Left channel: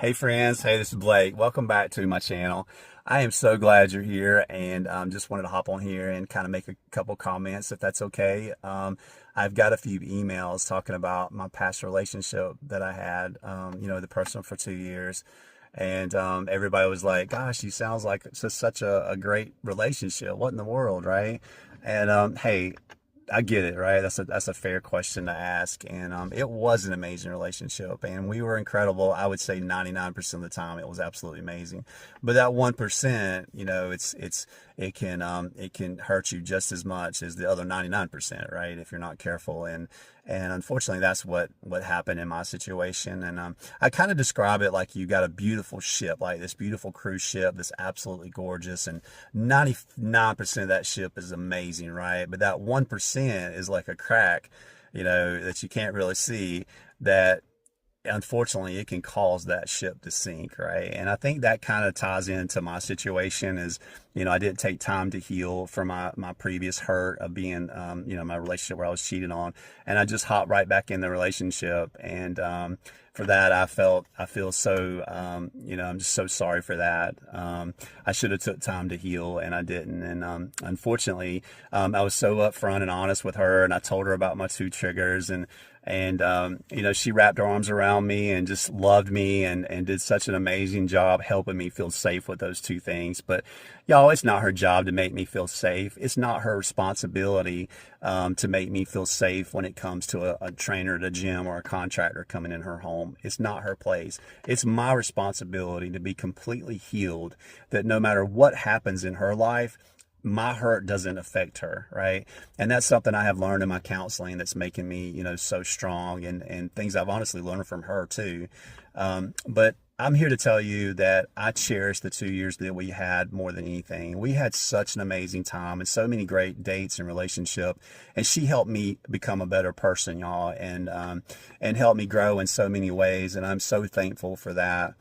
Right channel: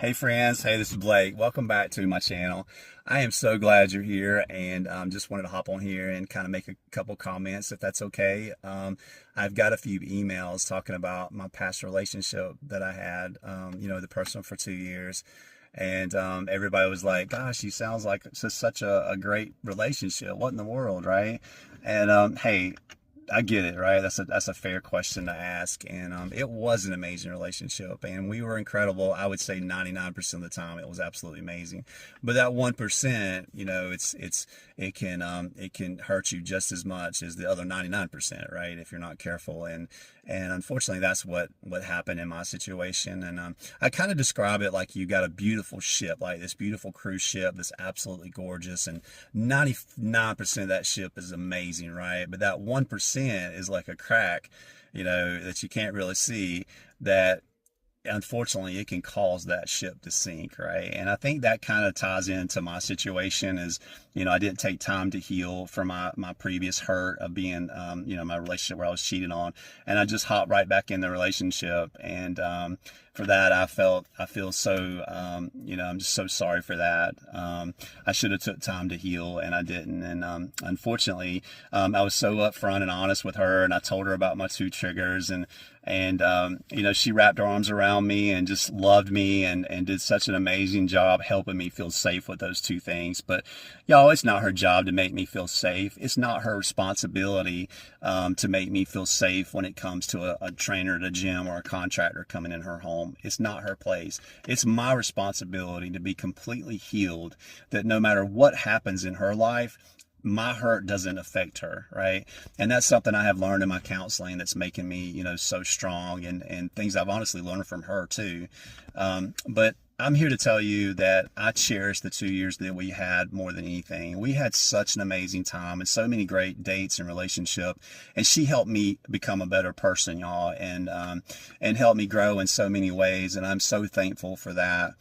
Hey friends, hey, this is Blake. Welcome back to my channel. I am so glad you're here and just wanted to hop on here and kind of make a couple comments if that's okay. I've got a few emails talking about my past relationship that I had, the person for 2 years. And everybody was like, gosh, you sounds like it's just such a great relationship. What in the world, right? And hey, I get it, right? That's a fair question to ask, and it was an amazing relationship, and we were incredible. I would say 99% of the time, it was absolutely amazing. But that 1%, it can hurt you just as much as the other 99%, right? If you're not careful, and unfortunately, that's what happened in my situation. And I kind of describe it like you got a beautiful ship, like this beautiful cruise ship that's absolutely gorgeous, and 99% of that ship is amazing, right? But that 1% is like a crack, that you can't really see, that unfortunately it can cause that ship to sink, right? And I think that kind of ties into my situation. Is I didn't take time to heal from my previous hurt of being my relationship where I was cheated on, and I just hopped right back in the relationship. And for that, I feel so I'm just so sorry for that. I should have took time to heal, and I didn't. And unfortunately, I was so upfront and honest with her, and I told her about my two triggers. And she wrapped her arms around me and just loved me, and did such an amazing job helping me feel safe with those two things. But y'all, it's not her job to make me feel safe. It's not her responsibility to make me feel safe when it comes to a trainer at a gym or a contractor coming in her home. It's not her place. It's my responsibility to be completely healed, that no matter what happens in her life, my hurt doesn't affect her, right? And that's something I have learned in my counseling that's making me, so strong, and things I've honestly learned from her too. But I'm here to tell you that I cherish the 2 years that we had more than anything. We had such an amazing time and so many great dates and relationship, and she helped me become a better person, y'all, and helped me grow in so many ways, and I'm so thankful for that.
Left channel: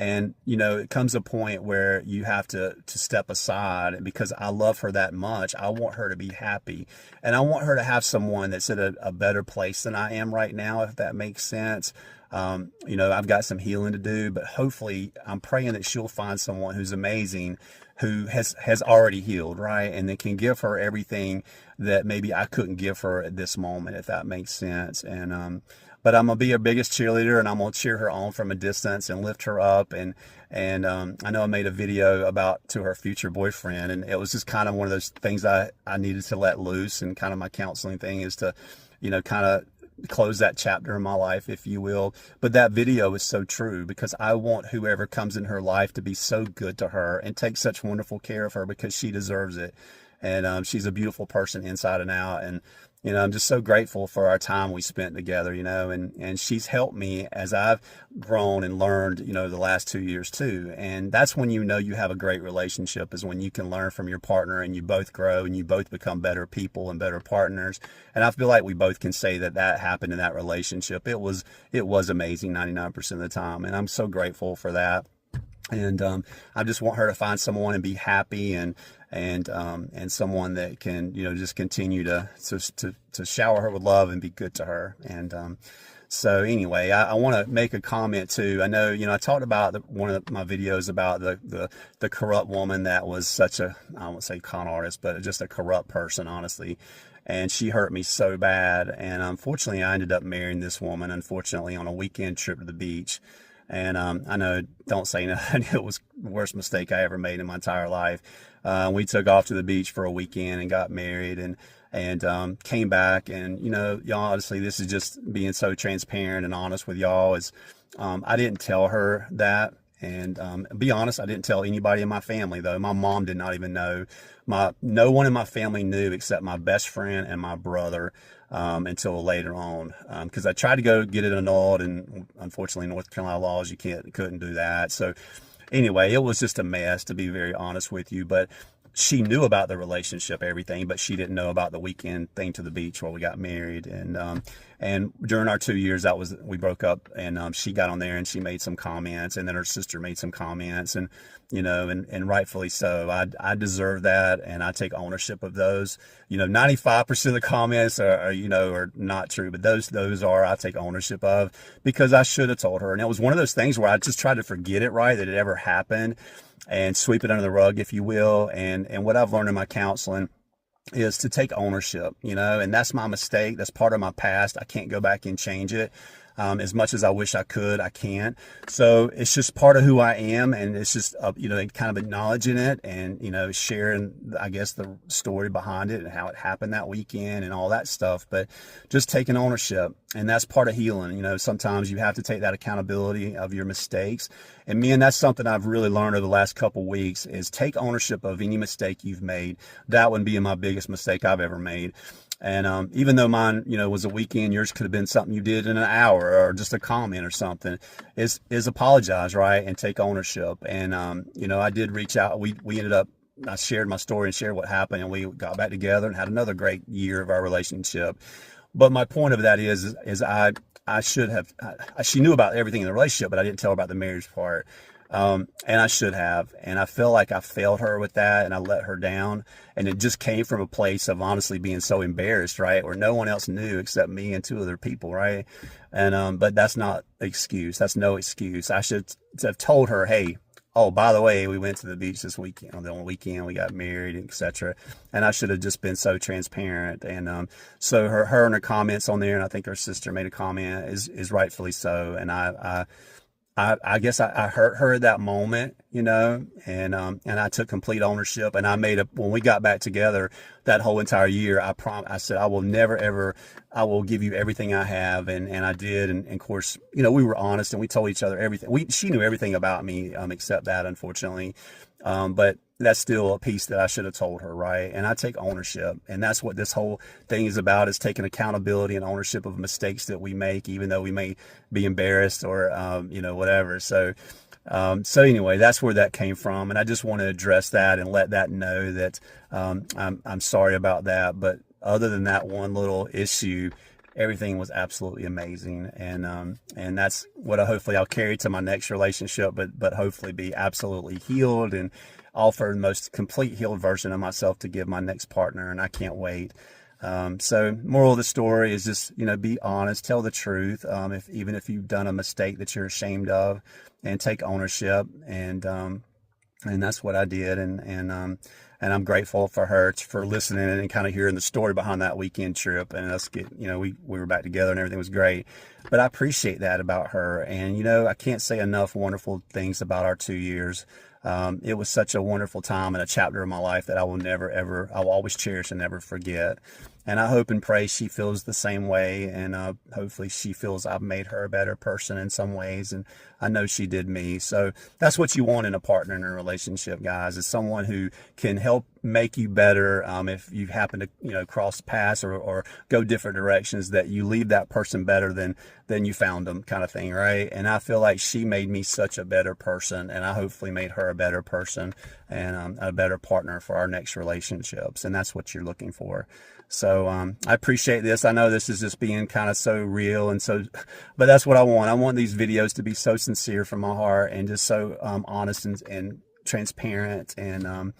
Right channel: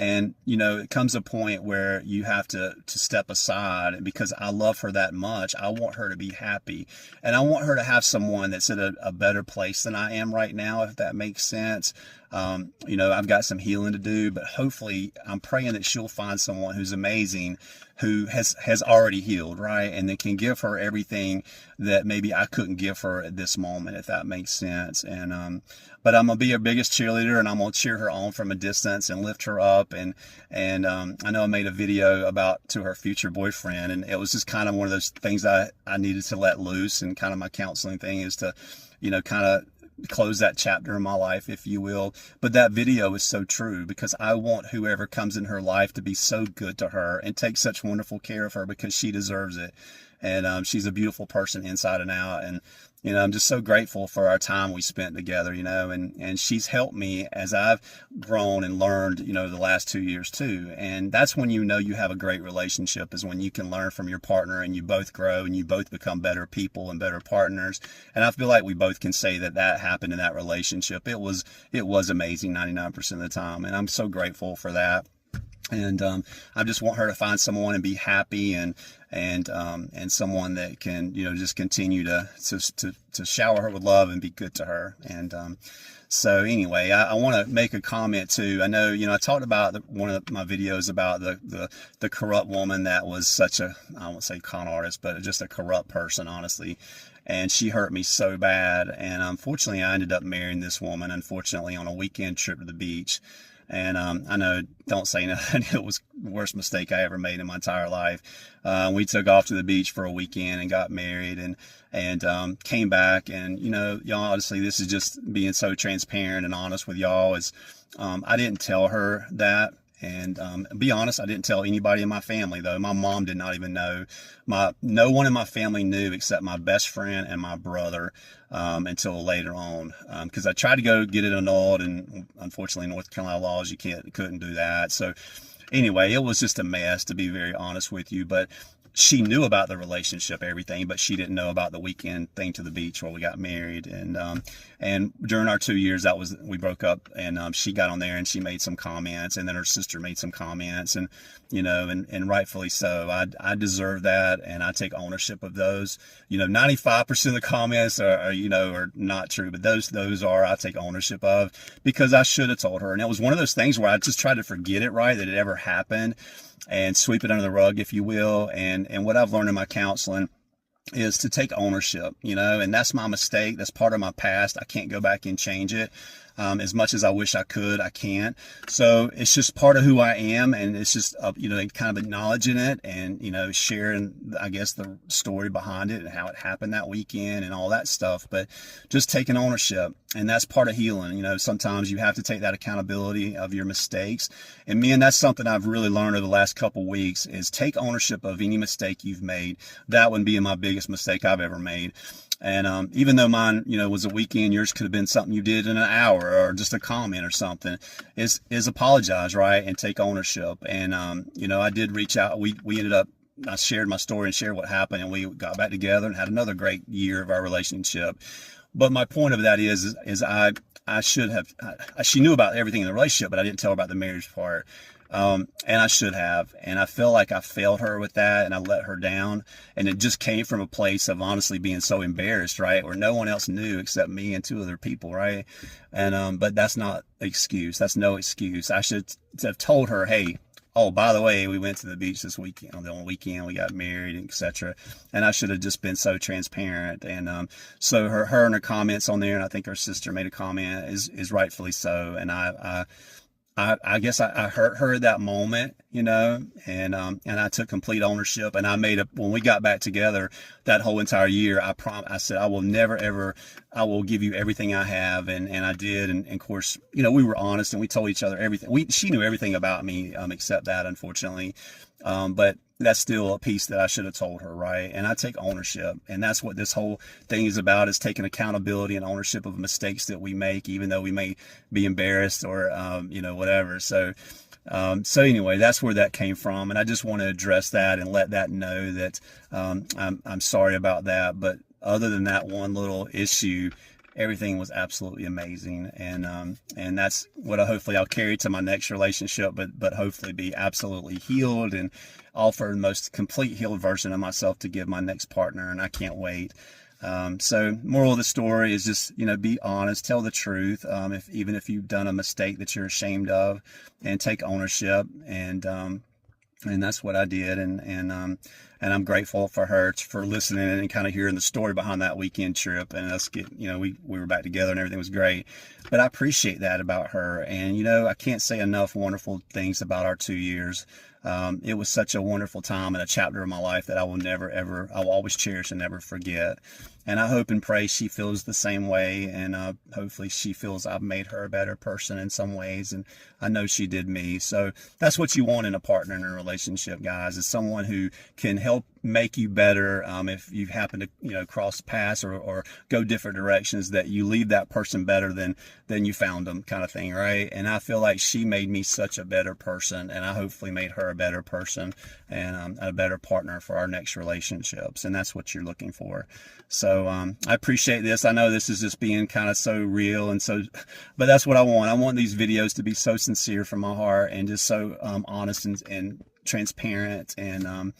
And it comes a point where you have to step aside, because I love her that much. I want her to be happy, and I want her to have someone that's at a better place than I am right now, if that makes sense. I've got some healing to do, but hopefully I'm praying that she'll find someone who's amazing, who has already healed, right? And that can give her everything that maybe I couldn't give her at this moment, if that makes sense. And but I'm gonna be her biggest cheerleader, and I'm gonna cheer her on from a distance and lift her up. And I know I made a video about to her future boyfriend, and it was just kind of one of those things I needed to let loose. And kind of my counseling thing is to, kind of close that chapter in my life, if you will. But that video is so true, because I want whoever comes in her life to be so good to her and take such wonderful care of her, because she deserves it. And she's a beautiful person inside and out. And I'm just so grateful for our time we spent together, and she's helped me as I've grown and learned, the last 2 years too. And that's when you have a great relationship, is when you can learn from your partner, and you both grow, and you both become better people and better partners. And I feel like we both can say that happened in that relationship. It was amazing 99% of the time, and I'm so grateful for that. And I just want her to find someone and be happy, and someone that can just continue to shower her with love and be good to her. And so anyway, I want to make a comment too. I know I talked about one of my videos about the corrupt woman that was such a, I won't say con artist, but just a corrupt person, honestly. And she hurt me so bad, and unfortunately I ended up marrying this woman, unfortunately, on a weekend trip to the beach. And I know, don't say nothing, it was the worst mistake I ever made in my entire life. We took off to the beach for a weekend and got married, and came back. And y'all, honestly, this is just being so transparent and honest with y'all. Is I didn't tell her that. And be honest, I didn't tell anybody in my family, though. My mom did not even know. No one in my family knew except my best friend and my brother, until later on, because I tried to go get it annulled, and unfortunately North Carolina laws, you couldn't do that. So anyway, it was just a mess, to be very honest with you. But she knew about the relationship, everything, but she didn't know about the weekend thing to the beach where we got married. And during our 2 years, we broke up, and she got on there and she made some comments, and then her sister made some comments, and and rightfully so. I deserve that, and I take ownership of those. 95% of the comments are not true, but those I take ownership of, because I should have told her. And it was one of those things where I just tried to forget it, right, that it ever happened, and sweep it under the rug, if you will. And what I've learned in my counseling is to take ownership, and that's my mistake. That's part of my past. I can't go back and change it. As much as I wish I could, I can't. So it's just part of who I am, and it's just kind of acknowledging it, and sharing, I guess, the story behind it and how it happened that weekend and all that stuff. But just taking ownership, and that's part of healing. Sometimes you have to take that accountability of your mistakes. And man, that's something I've really learned over the last couple weeks, is take ownership of any mistake you've made. That would be my biggest mistake I've ever made. And even though mine, was a weekend, yours could have been something you did in an hour, or just a comment or something, is apologize, right? And take ownership. And, I did reach out. We ended up, I shared my story and shared what happened, and we got back together and had another great year of our relationship. But my point of that is I should have, she knew about everything in the relationship, but I didn't tell her about the marriage part. And I should have, and I feel like I failed her with that, and I let her down. And it just came from a place of honestly being so embarrassed, right? Where no one else knew except me and two other people, right? And, but that's not excuse. That's no excuse. I should have told her, hey, oh, by the way, we went to the beach this weekend. On the weekend, we got married, etc. And I should have just been so transparent. And so her and her comments on there, and I think her sister made a comment, is rightfully so. And I guess I hurt her at that moment, and I took complete ownership. And when we got back together that whole entire year, I said, I will never, ever, I will give you everything I have. And I did. And of course, we were honest, and we told each other everything. She knew everything about me, except that, unfortunately. But that's still a piece that I should have told her, right? And I take ownership, and that's what this whole thing is about, is taking accountability and ownership of mistakes that we make, even though we may be embarrassed or, whatever. So anyway, that's where that came from. And I just want to address that and let that know that, I'm sorry about that. But other than that one little issue, everything was absolutely amazing. And that's what hopefully I'll carry to my next relationship, but hopefully be absolutely healed and offer the most complete healed version of myself to give my next partner. And I can't wait. So moral of the story is just, be honest, tell the truth. Even if you've done a mistake that you're ashamed of, and take ownership. And that's what I did. And I'm grateful for her for listening and kind of hearing the story behind that weekend trip, and us we were back together and everything was great. But I appreciate that about her. And, I can't say enough wonderful things about our 2 years. It was such a wonderful time and a chapter of my life that I will never, ever, I'll always cherish and never forget. And I hope and pray she feels the same way. And hopefully she feels I've made her a better person in some ways. And I know she did me. So that's what you want in a partner in a relationship, guys, is someone who can help make you better. If you happen to, cross paths or go different directions, that you leave that person better than you found them, kind of thing, right? And I feel like she made me such a better person, and I hopefully made her a better person and a better partner for our next relationships. And that's what you're looking for. So I appreciate this. I know this is just being kind of so real but that's what I want. I want these videos to be so sincere from my heart, and just so honest and transparent. And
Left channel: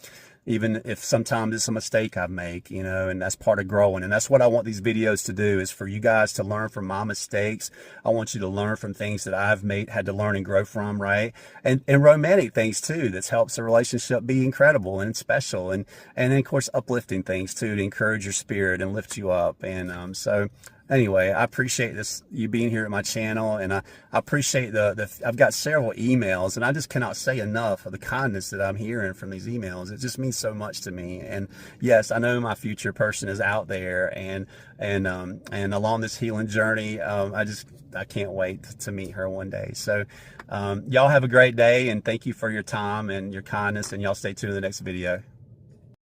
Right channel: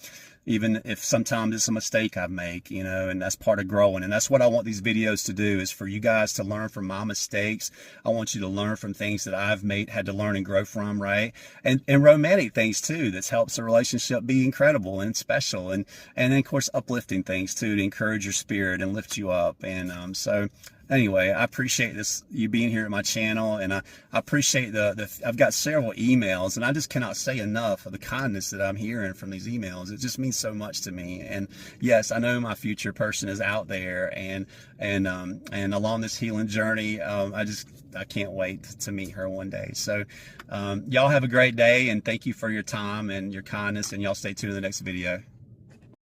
even if sometimes it's a mistake I make, and that's part of growing. And that's what I want these videos to do, is for you guys to learn from my mistakes. I want you to learn from things that I've had to learn and grow from, right? And romantic things too, that helps the relationship be incredible and special. And then of course, uplifting things too, to encourage your spirit and lift you up. And so anyway, I appreciate you being here at my channel, and I appreciate I've got several emails, and I just cannot say enough of the kindness that I'm hearing from these emails. It just means so much to me. And yes, I know my future person is out there, and along this healing journey, I can't wait to meet her one day. So y'all have a great day, and thank you for your time and your kindness, and y'all stay tuned to the next video.